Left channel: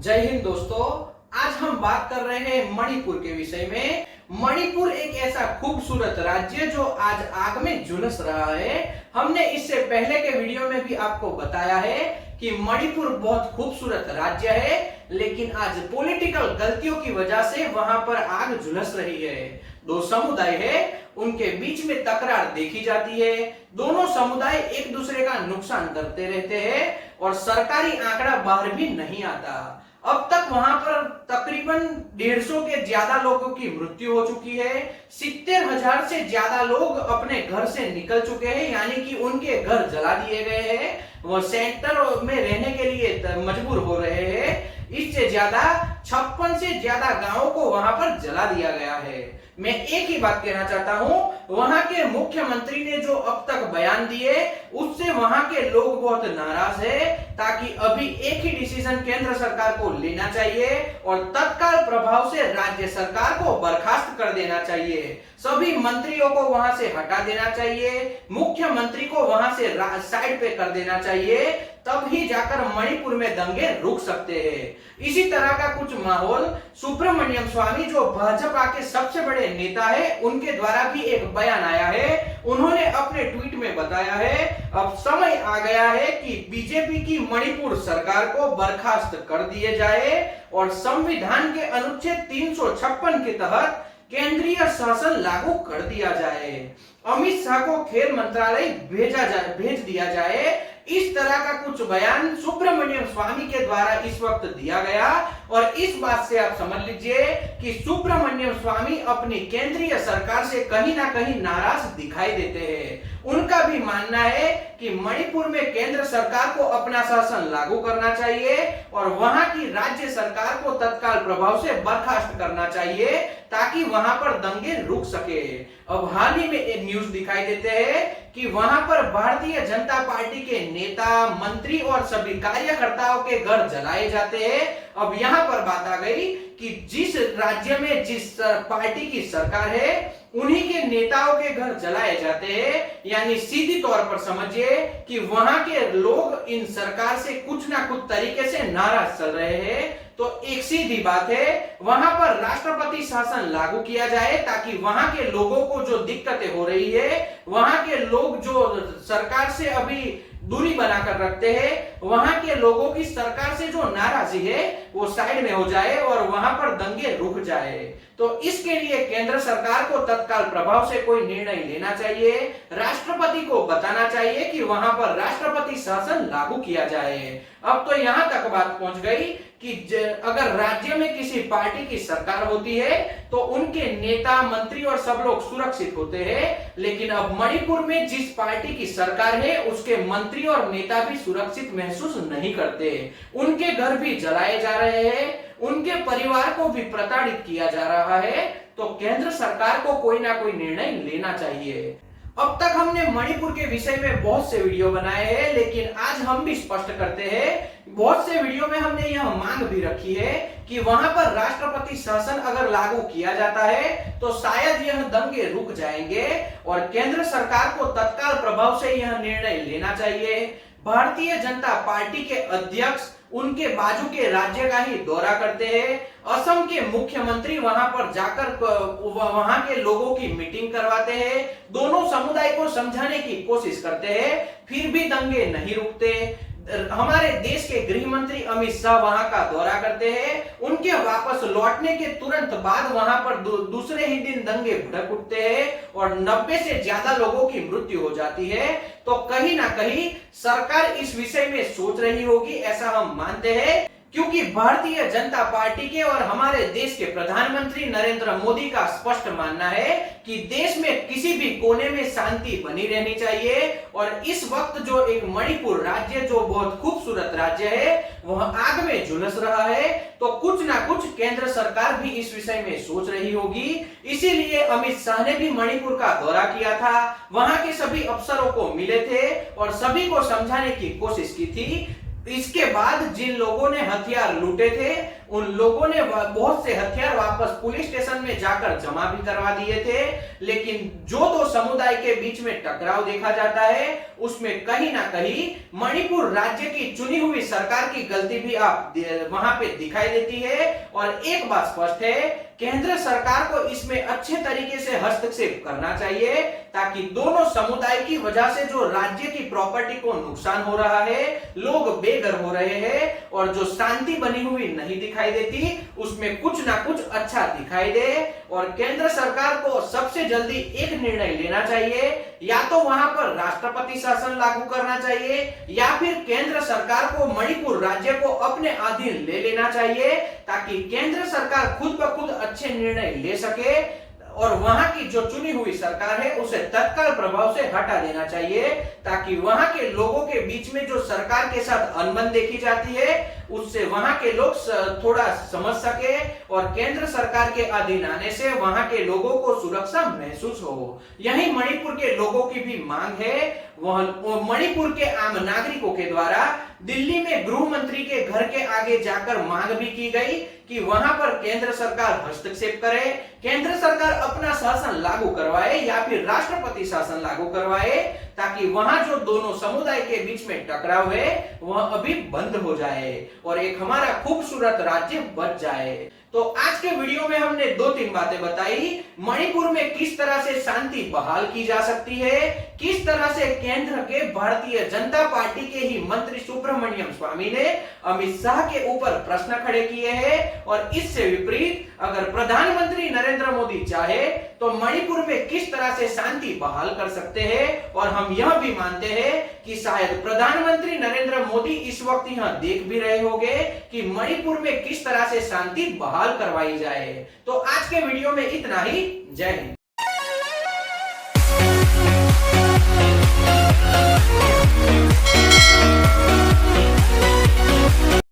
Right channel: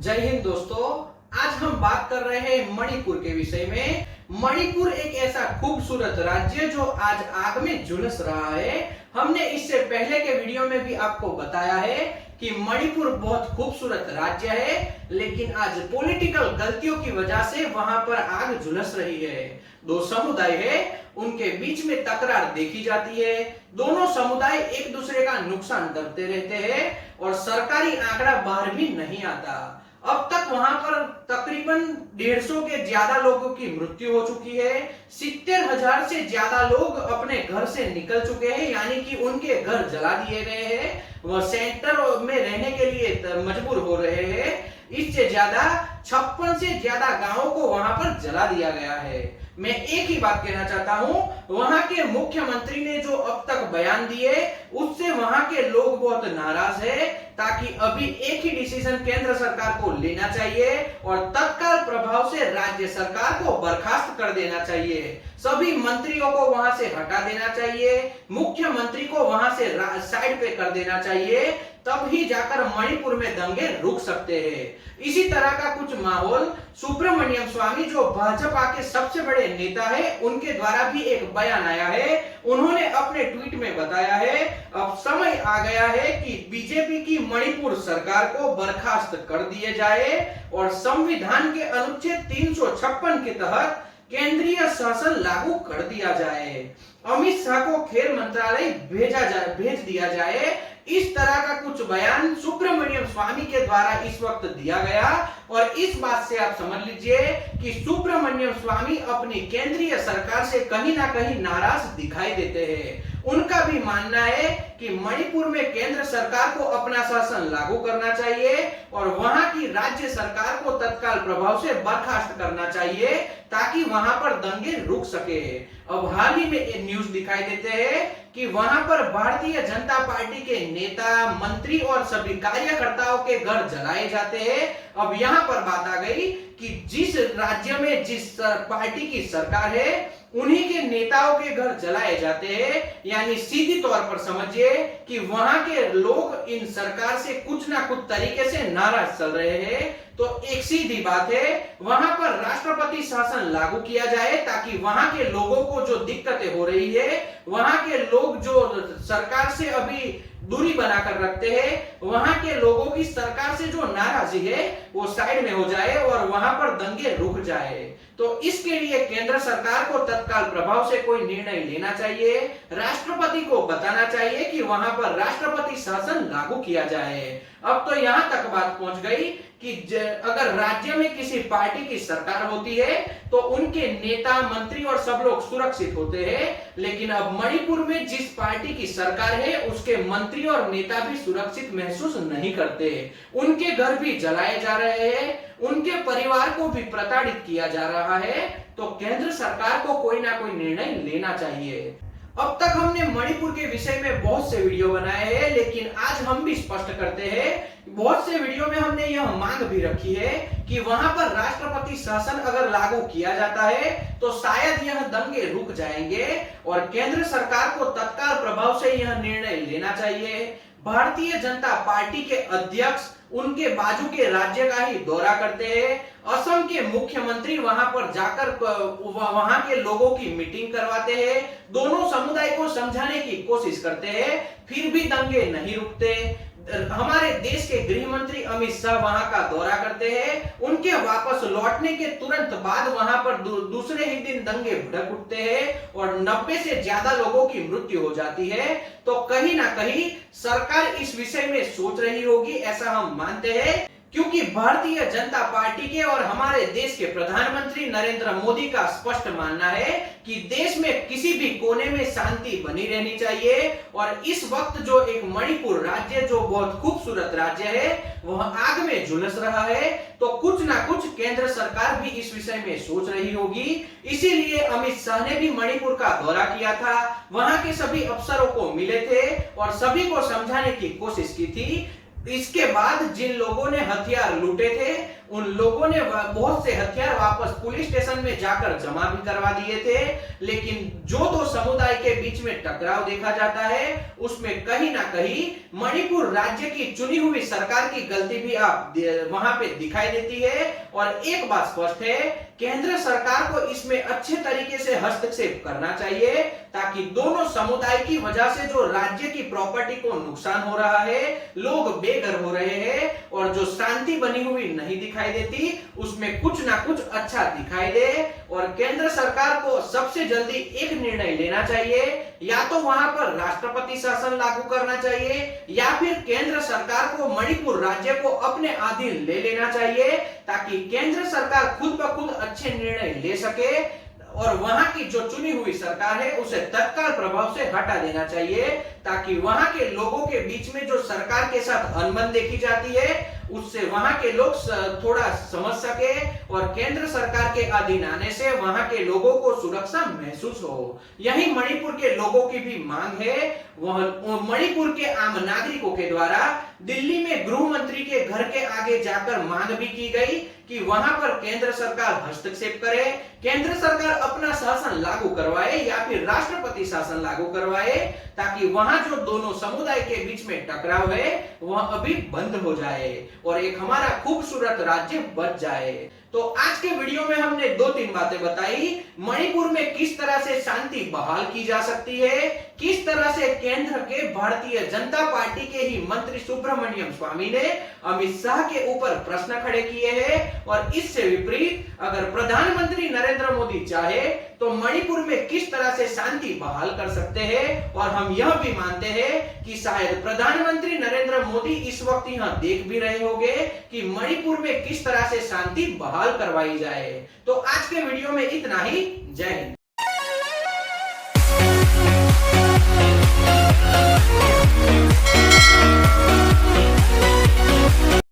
जय हिंद दोस्तों। आज हम बात कर रहे हैं मणिपुर के विषय में। मणिपुर एक ऐसा खूबसूरत राज्य जो आज आग में झुलस रहा है। हमने इससे पहले के वीडियो में भी आपको बताया है कि मणिपुर बहुत खूबसूरत राज्य है, लेकिन आज पॉलिटिकल गलतियों की वजह से वहां पर आग झुलस रही है। दो समुदाय है, उनके बीच में तकरार देखी जाती है। दोनों समुदाय एक दूसरे का नुकसान करते रहते हैं और सरकारी आंकड़ा बाहर भी नहीं आता। अब तक वहां पर तकरीबन 150 के ज्यादा लोगों की मृत्यु हो चुकी है। 70,000 से ज्यादा लोग अपने घर से निकल चुके हैं, यानी कि उनके घर जला दिए गए हैं। वो सेंटर में रहने के लिए मजबूर हो रहे हैं। इससे ज्यादा 56 से ज्यादा गांवों को वहां पर जला दिया गया है। मैं एक ही बात कहना चाहता हूं, वहां के मुख्यमंत्री ने जो अब तक बयान दिए उससे वहां के लोग बहुत नाराज है। ताकि अभी एक ही डिसीजन केंद्र सरकार को लेना चाहिए और तत्काल प्रभाव से राज्य सरकार को बर्खास्त कर देना चाहिए। सभी मंत्रियों को वहां से हटा देना चाहिए, मुख्यमंत्री को वहां से साइड पे कर देना चाहिए। तब ही जाकर मणिपुर में दंगे रुक सकते हैं। इसी तरह का कुछ माहौल सुब्रमण्यम स्वामी जो भाजपा के सबसे बड़े नेता है, उनके द्वारा भी एक बयान आया है। उन्होंने अपने ट्वीट में बताया है, अब समय आ गया है कि बीजेपी की मणिपुर सरकार को बर्खास्त कर दिए जाए और संविधान के अनुच्छेद 356 के तहत केंद्रीय शासन लागू कर दिया जाए। अमित शाह को खेल मंत्रालय भेज दिया जाए। इस तरह का कुछ बयान सुब्रमण्यम स्वामी के द्वारा इस वक्त दिया गया और इस बात से आप समझ लीजिए कि सुब्रमण्यम स्वामी अपनी केंद्रीय सरकार से कहीं ना कहीं नाराज दिखाई देते हैं। उनका भी मानना है कि मणिपुर में केंद्र सरकार को अपना शासन लागू करना चाहिए और वहां की राज्य सरकार को तत्काल प्रभाव से बर्खास्त करना चाहिए ताकि वहां पर दंगे रुक सके। अब हाल ही में एक न्यूज दिखाई देते हैं कि वहां पर भारतीय जनता पार्टी के नेता, मंत्री और सभी कार्यकर्ताओं के घर जलाए जाते हैं। अब यहाँ पर बात आ गई कि जिस राज्य में जिस पार्टी की सरकार है, उन्हीं के नेताओं के घर जलाए जाते हैं। यानी सीधी तौर पर समझिए कि वहां के लोग इन सरकार से कुछ ना कुछ तरीके से नाराज चल रहे हैं। तो एक सीधी बात है, वहां पर राष्ट्रपति शासन लागू किया जाए ताकि वहां के लोगों को जो दिक्कतें हो रही है, वहां के लोग जो सरकार से अभी दूरी बनाकर रखते हैं, वहां के लोगों की सरकार से जो नाराजगी है वो साइड में हो जाए और वहां पर दंगे रुक जाए। तो इसके लिए केंद्र सरकार को तत्काल प्रभाव से कोई निर्णय लेना चाहिए। राष्ट्रपति को बताना चाहिए कि वहां पर राष्ट्रपति शासन लागू किया जाए। अब तो यहां तक बात पहुंच गई कि अगर राज्य में किसी पार्टी की सरकार होती है तो उनके नेता, मंत्री और सब लोग सुरक्षित होते हैं, लेकिन अब मणिपुर में जिस पार्टी की सरकार है उसके मंत्री और नेता भी सुरक्षित महसूस नहीं करते। उनके घर भी जलाए जा रहे हैं, उनके परिवार को भी प्रताड़ित किया जा रहा है। तो केंद्र सरकार को कोई ना कोई निर्णय लेना चाहिए। अब तक हमने मणिपुर के विषय में बहुत से वीडियो बनाए हैं, लेकिन आज हम भी स्पष्ट करते हैं, बहुत से वीडियो में हमने यह मांग भी रखी है कि वहां पर राष्ट्रपति शासन अगर लागू किया जाता है तो शायद यह दंगे रुक जाएंगे और केंद्र सरकार को तत्काल प्रभाव से यह निर्णय लेना चाहिए। भारतीय जनता पार्टी के अध्यक्ष उनके बाजू के राज्य का ही दौरा करते हैं। असम के मुख्यमंत्री वहां पर जाकर वहां के लोगों की मीटिंग करवाते हैं, दोनों समुदाय को समझाने की कोशिश करते हैं, फिर भी दंगे नहीं रुकते। हमारे देश के गृह मंत्री अमित शाह वहां का दौरा करते हैं, उनके वापस लौटने के तुरंत बाद वहां पर दूसरे ही दिन दंगे भड़क उठते हैं और 90 से ज्यादा लोगों की मृत्यु हो जाती है। तो कहीं ना कहीं सरकार इस विषय में सोच रही होगी, ऐसा हम मानते हैं, क्योंकि भारतीय जनता पार्टी के और हमारे देश के प्रधानमंत्री नरेंद्र मोदी का स्पष्ट मानना है कि देश में किसी भी कोने में शांति बनी रहनी चाहिए। और इस वक्त जो एक मणिपुर राज्य जो बहुत खूबसूरत राज्य है वह आग में झुलस रहा है। तो कुछ ना कुछ केंद्र सरकार भी इस विषय में सोच रही होगी। इसीलिए अमित शाह ने भी मणिपुर का दौरा किया था, वहां के सभी अफसरों को मिले थे और सभी को समझाने की कोशिश की थी। इसके बाद जिन लोगों ने हथियार लूटे थे उन लोगों ने बहुत से हथियार वापस पुलिस स्टेशन में जाकर जमा भी करवा दिए थे। लेकिन जो दो समुदाय के बीच में टकराव देखा जाता है उसमें कहीं ना कहीं मणिपुर राज्य की चुनी हुई सरकार की गलती भी आप वहां पे दिखाई देती है। और एक बात स्पष्ट है, केंद्र सरकार को इसमें अच्छे तरीके से हस्तक्षेप करना चाहिए ताकि दोनों समुदाय की वजह से जो राज्य की प्रॉपर्टी को नुकसान हो रहा है, लोग बेघर हो रहे हैं और जो शांति बनी हुई नहीं दिखाई देती उसमें कुछ ना कुछ अच्छा दिखाई दे। और केंद्र सरकार को सबसे जल्दी एक निर्णय लेना चाहिए, या तो वहां पर राष्ट्रपति शासन लागू करना चाहिए या फिर केंद्र सरकार को मणिपुर राज्य को अपने अधीन ले लेना चाहिए ताकि केंद्र सरकार खुद ब खुद अच्छे निर्णय ले सके और वहां की जो चुनी हुई सरकार है उसे तत्काल प्रभाव से हटा देना चाहिए ताकि वहां के लोगों के बीच में जो सरकार के साथ अनबन देखी जाती है उससे वहां के लोग थोड़ा समझ सके और केंद्र सरकार के अधीन आने से वहां के लोगों को सुरक्षा महसूस हो। यही मणिपुर के लोगों की भी मांग है। वह मणिपुर के आम नागरिकों के द्वारा दिल्ली में गृह मंत्री के घर के आगे जाकर मांग भी की गई कि वहां पर केंद्र सरकार हस्तक्षेप करे, केंद्र सरकार अपना शासन लागू करवाए या फिर राष्ट्रपति शासन लागू करवाए ताकि वहां जो दोनों समुदाय के बीच में टकराव है वह अभी बंद हो जाए और एक हमारा खूबसूरत राज्य बच जाए। तो आज के वीडियो में हमने 2-3 बातें बताई, मणिपुर में किस तरह से शांति बहाल की जा सकती है, किस तरह से केंद्र के भारतीय जनता पार्टी के ही मंत्री सुब्रमण्यम स्वामी ने अमित शाह के ऊपर प्रश्न खड़े किए हैं और इससे विपरीत अगर प्रधानमंत्री नरेंद्र मोदी चाहे तो मणिपुर में किस तरह से शांति बहाल कर सकते हैं। और हम यह भी मानते हैं कि शायद प्रधानमंत्री नरेंद्र मोदी इस वक्त यहां देख भी रहे होंगे कि मणिपुर में किस तरह से शांति बहाल करवाई जाए। तो आज के वीडियो में इतना ही। जय हिंद।